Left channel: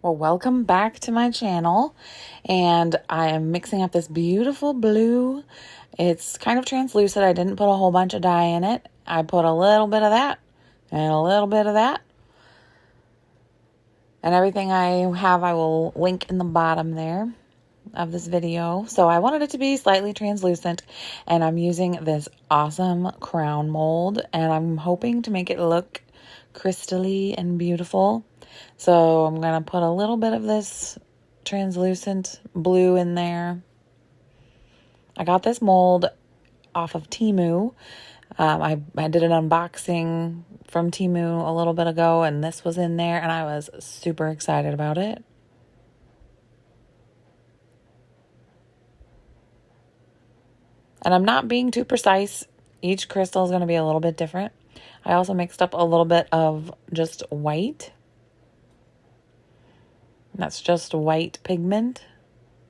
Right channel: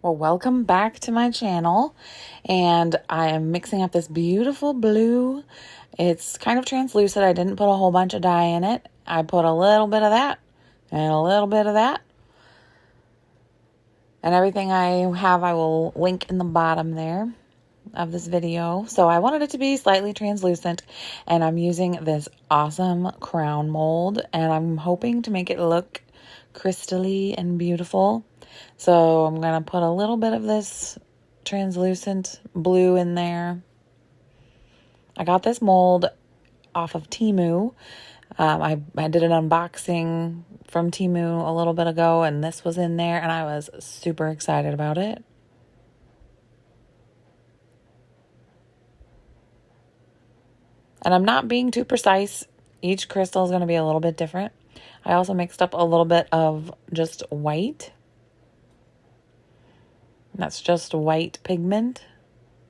Well, welcome back to my channel, and I am mixing up this beautiful blue. It's kind of translucent. I didn't put a whole bunch of dye in it. I put a little bit of that and a little bit of that. And everything I have I will link in the bottom there of this video. So I wanted it to be slightly translucent, and I'm using this awesome crown mold, and I'm hoping to make it look crystally and beautiful. So I'm going to put a little bit of this translucent blue in there. I got this mold off of Temu. I did an unboxing from Temu a little bit ago, and this was in there, and I was super excited about it. And I'm not being too precise. Each crystal is going to be a little bit different. I also mixed up a little bit of just white. That's just white pigment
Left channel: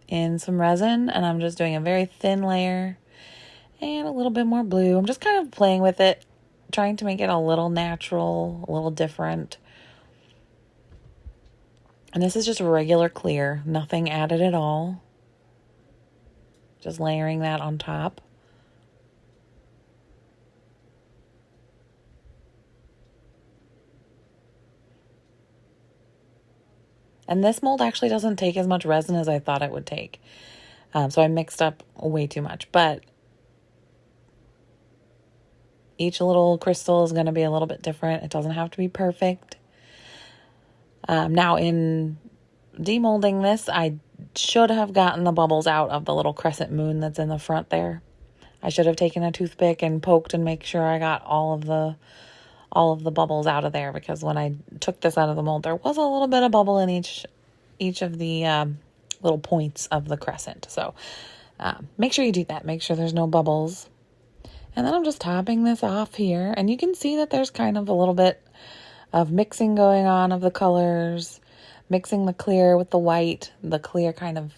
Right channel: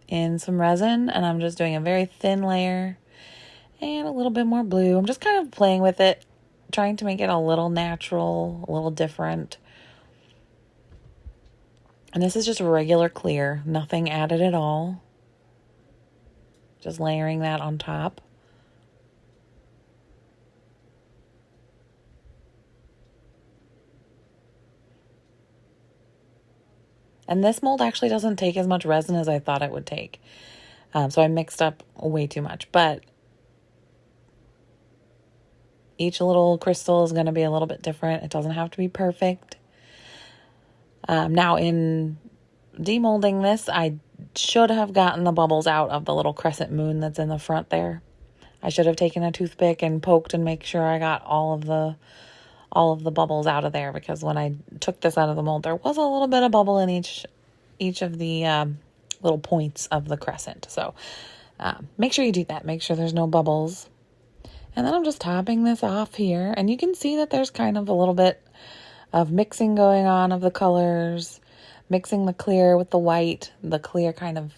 in some resin, and I'm just doing a very thin layer and a little bit more blue. I'm just kind of playing with it, trying to make it a little natural, a little different. And this is just regular clear, nothing added at all. Just layering that on top. And this mold actually doesn't take as much resin as I thought it would take. So I mixed up way too much. But each little crystal is going to be a little bit different. It doesn't have to be perfect. Now in demolding this, I should have gotten the bubbles out of the little crescent moon that's in the front there. I should have taken a toothpick and poked and make sure I got all of the bubbles out of there, because when I took this out of the mold, there was a little bit of bubble in each of the little points of the crescent. So make sure you do that. Make sure there's no bubbles. And then I'm just topping this off here, and you can see that there's kind of a little bit of mixing going on of the colors, mixing the clear with the white. The clear kind of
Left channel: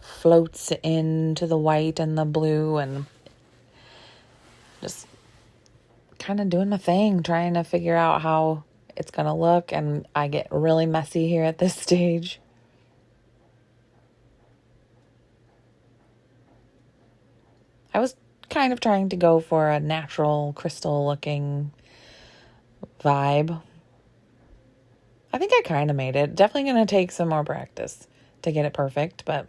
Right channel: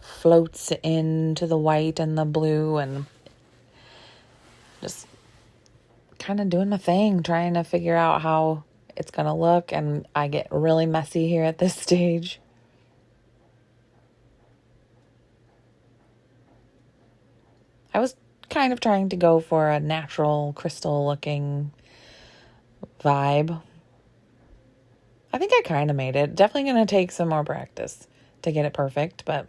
floats into the white and the blue, and just kind of doing my thing, trying to figure out how it's going to look. And I get really messy here at this stage. I was kind of trying to go for a natural crystal looking vibe. I think I kind of made it. Definitely going to take some more practice to get it perfect, but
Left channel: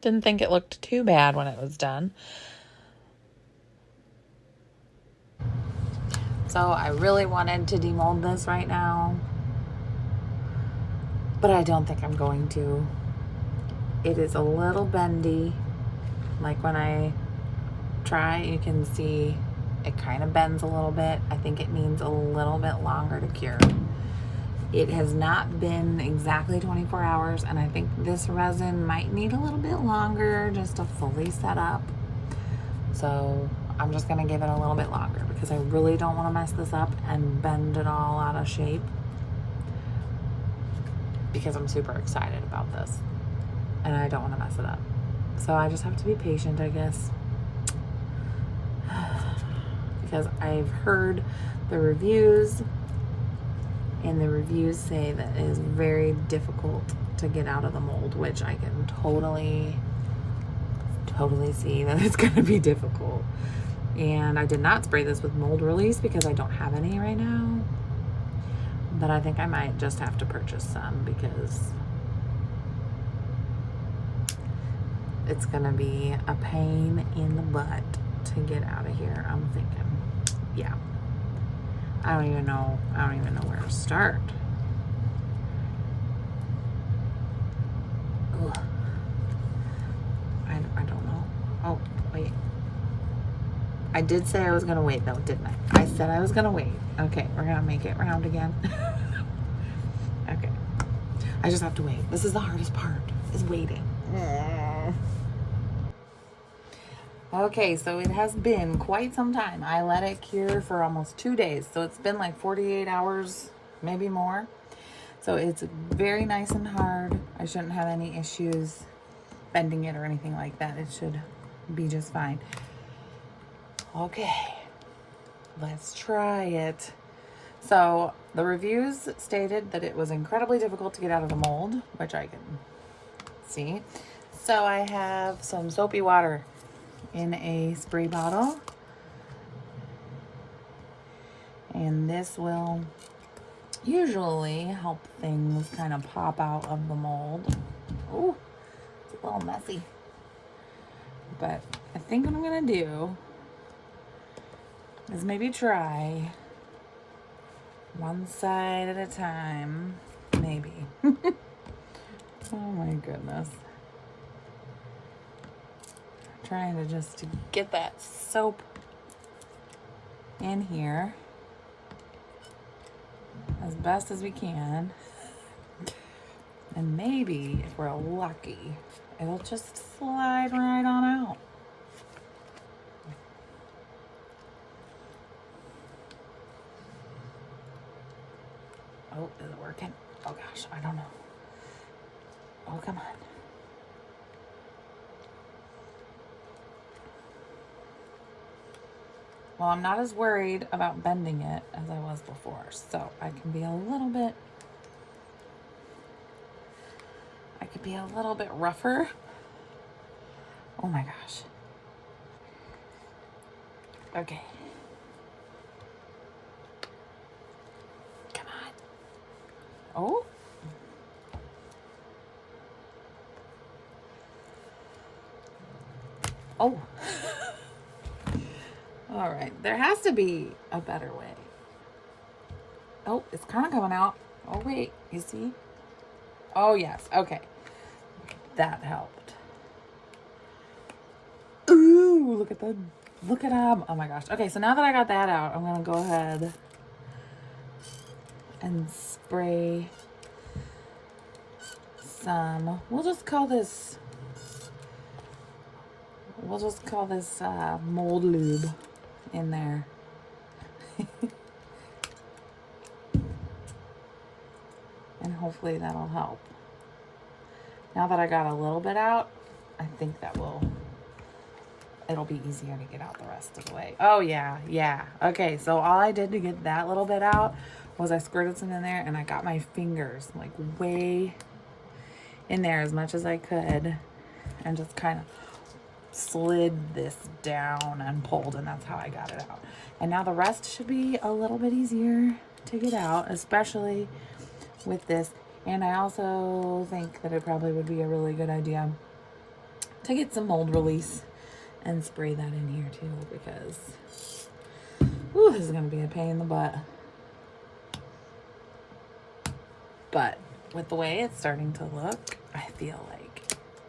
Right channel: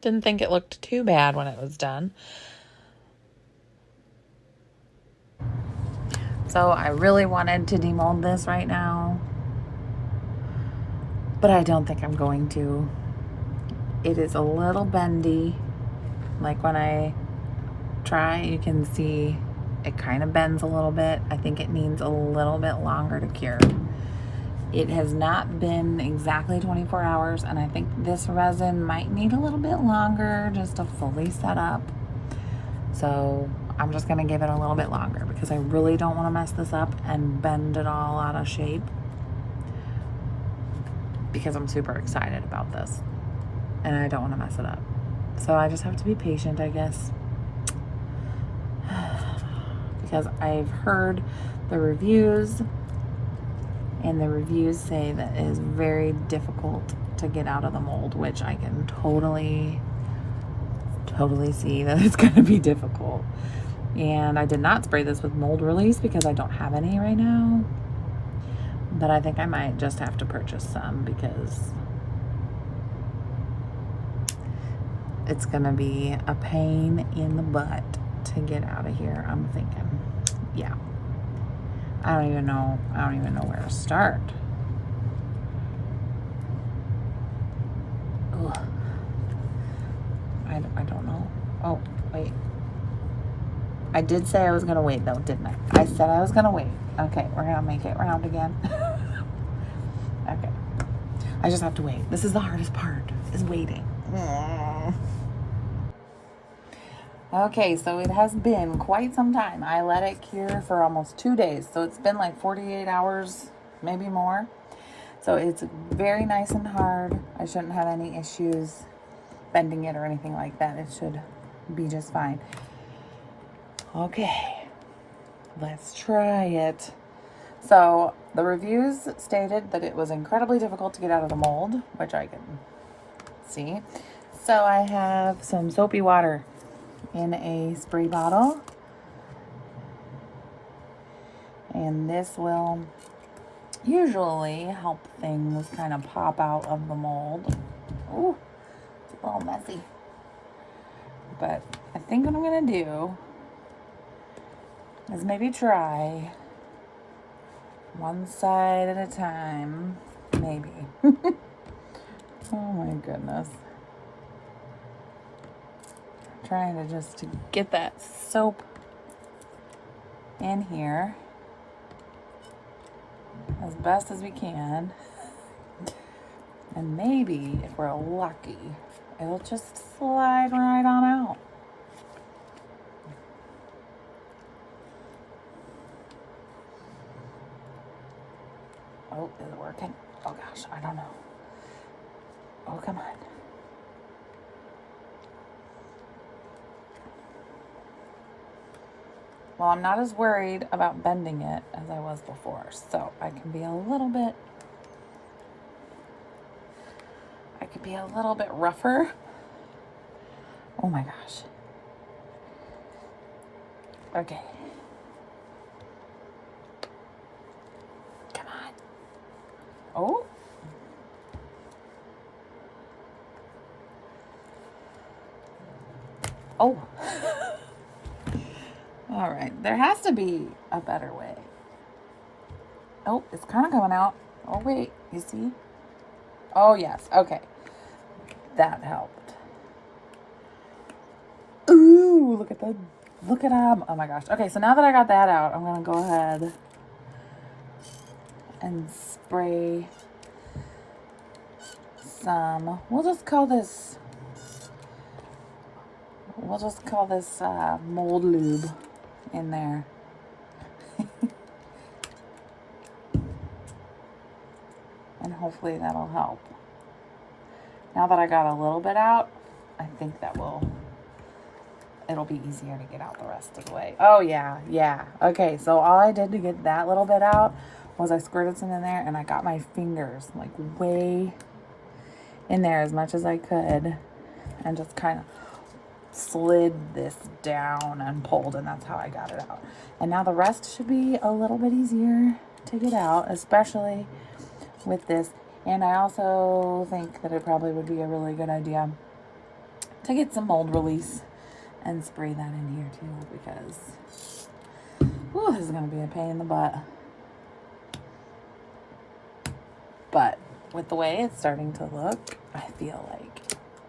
didn't think it looked too bad when it was done. So I really wanted to demold this right now, but I don't think I'm going to. It is a little bendy. Like when I try, you can see it kind of bends a little bit. I think it needs a little bit longer to cure. It has not been exactly 24 hours, and I think this resin might need a little bit longer just to fully set up. So I'm just going to give it a little bit longer, because I really don't want to mess this up and bend it all out of shape, because I'm super excited about this and I don't want to mess it up. So I just have to be patient, I guess, because I've heard the reviews, and the reviews say that it is very difficult to get out of the mold, which I can totally see that it's going to be difficult. And I did not spray this with mold release because I don't have any right now, but I think I might just have to purchase some, because it's going to be a pain in the butt to get out of here. I'm thinking, yeah. I don't even know where to start. Ugh. I don't know. Oh, wait. I did say I was going to wait, though, didn't I? I said I was going to wait. Okay, we're going to make it round again. Okay. I just have to wait. This is the hardest part, is waiting. Okay, so it has been quite some time. I let it cure for almost 2 days. So it's been like 48 hours, maybe more. So it's very nice and hard. I shouldn't have any issues bending it or anything like that. It should be just fine. Okay. let's try it. So the reviews stated that it was incredibly difficult to get out of the mold, which I can see. So I have some soapy water in a spray bottle. And this will usually help things kind of pop out of the mold. Ooh, it's a little messy. But I think what I'm gonna do is maybe try one side at a time, maybe. Oh my goodness. I'm trying to just get that soap in here as best as we can. And maybe, if we're lucky, it'll just slide right on out. Oh, is it working? Oh gosh, I don't know. Oh, come on. Well, I'm not as worried about bending it as I was before, so I can be a little bit, rougher. Oh my gosh. Okay. Come on. Oh. Oh. All right, there has to be a better way. Oh, it's kind of coming out. Oh, wait, you see? Oh, yes, okay. That helped. Ooh, look at them. Oh my gosh. Okay, so now that I got that out, I'm gonna go ahead and spray some, we'll just call this mold lube in there. And hopefully that'll help. Now that I got a little bit out, I think it'll be easier to get out the rest of the way. Oh yeah. Okay, so all I did to get that little bit out was I squirted some in there and I got my fingers like way in there as much as I could and just kind of slid this down and pulled, and that's how I got it out. And now the rest should be a little bit easier to get out, especially with this. And I also think that it probably would be a really good idea to get some mold release and spray that in here too, because ooh, this is going to be a pain in the butt. But with the way it's starting to look, I feel like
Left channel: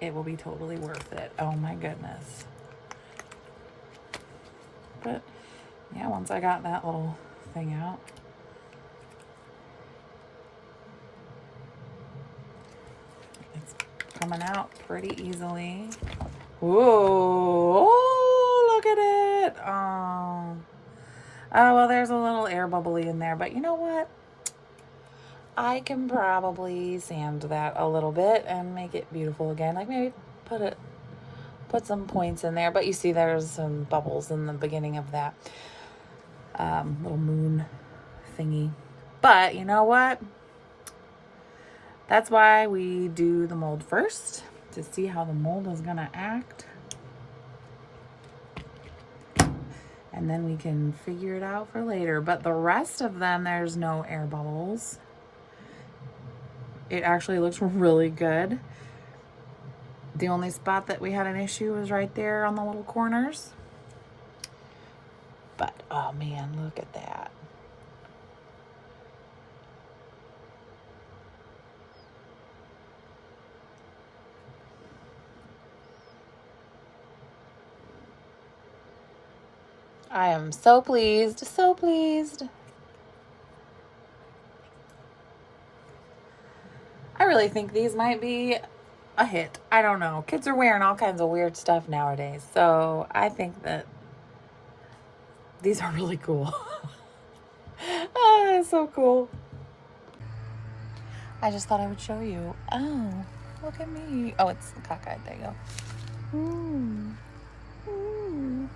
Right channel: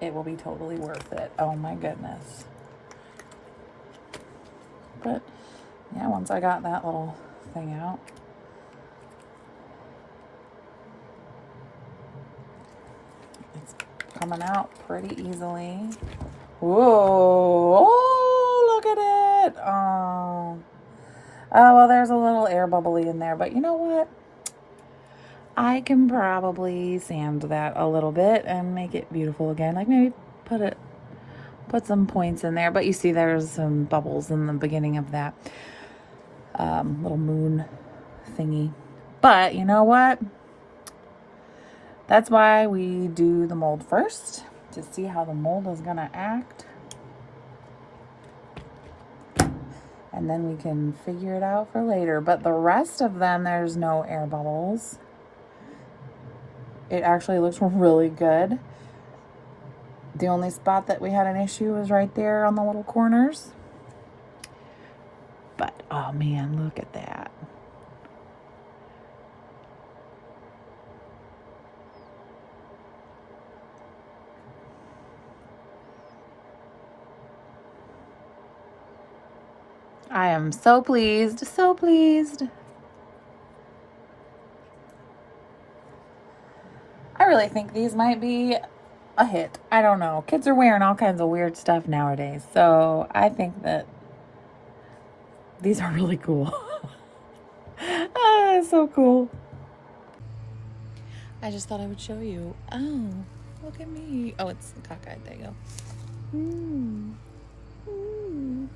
it will be totally worth it. Oh my goodness. But yeah, once I got that little thing out, it's coming out pretty easily. Whoa, oh, look at it. Oh, well, there's a little air bubbly in there, but you know what? I can probably sand that a little bit and make it beautiful again. Like maybe put some points in there, but you see there's some bubbles in the beginning of that little moon thingy. But you know what? That's why we do the mold first, to see how the mold is gonna act. And then we can figure it out for later. But the rest of them, there's no air bubbles. It actually looks really good. The only spot that we had an issue was right there on the little corners. But, oh man, look at that. I am so pleased, so pleased. I really think these might be a hit. I don't know. Kids are wearing all kinds of weird stuff nowadays, so I think that these are really cool. Ah, it's so cool. I just thought I would show you. Oh, look at me. Oh, it's cockeyed. There you go. Ooh. Ooh.